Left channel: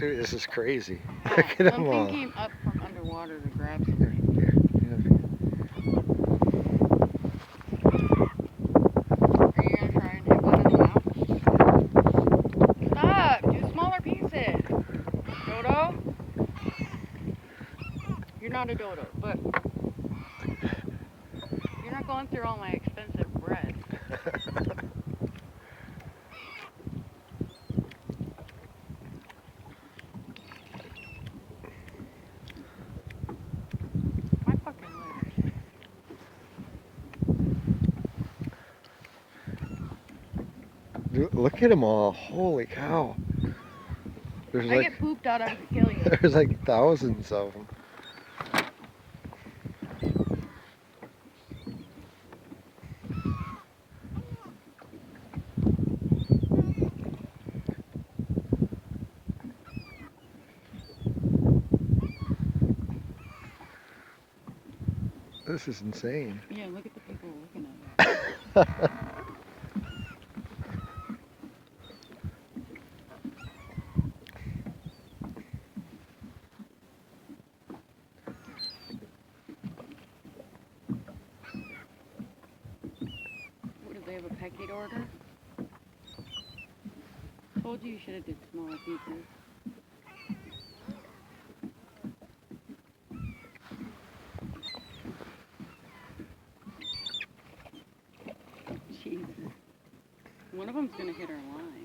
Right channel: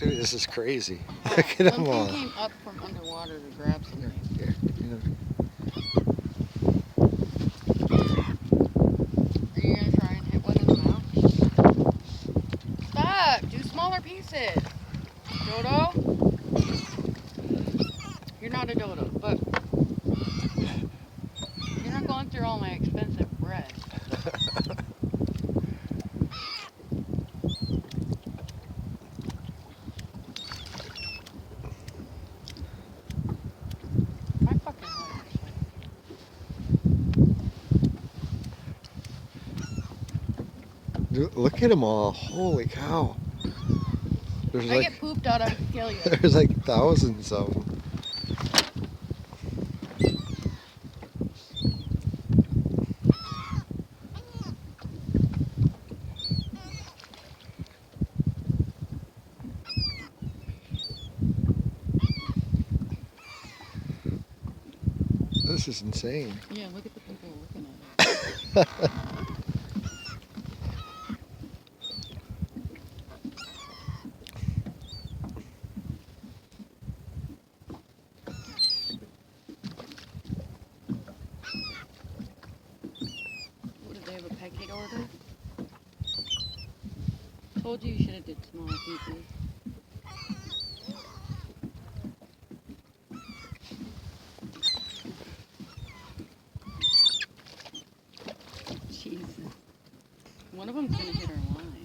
Dude, this is crazy. Oh, Look at them something all. came up from underwater to grab Here, something. here, here. Are you gonna try and let us out? Stop! Do smaller pieces. Dodo? You're not a dodo, but you're not going through all my expensive bread. My fucking legs. Dude, look at them all. Holy cow. There's I like get pooped out, I could kill you. there's like thousands of them. This is insane. Yeah, look at the people looking at it. What, did they have a packet order? Told you should have did smaller pieces. Jesus. One of them's gonna hit our line.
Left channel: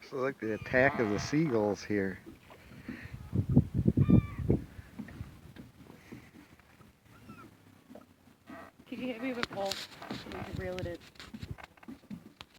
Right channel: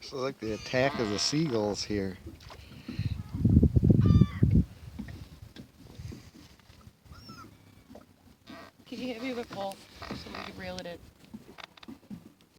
So like the attack of the seagulls here.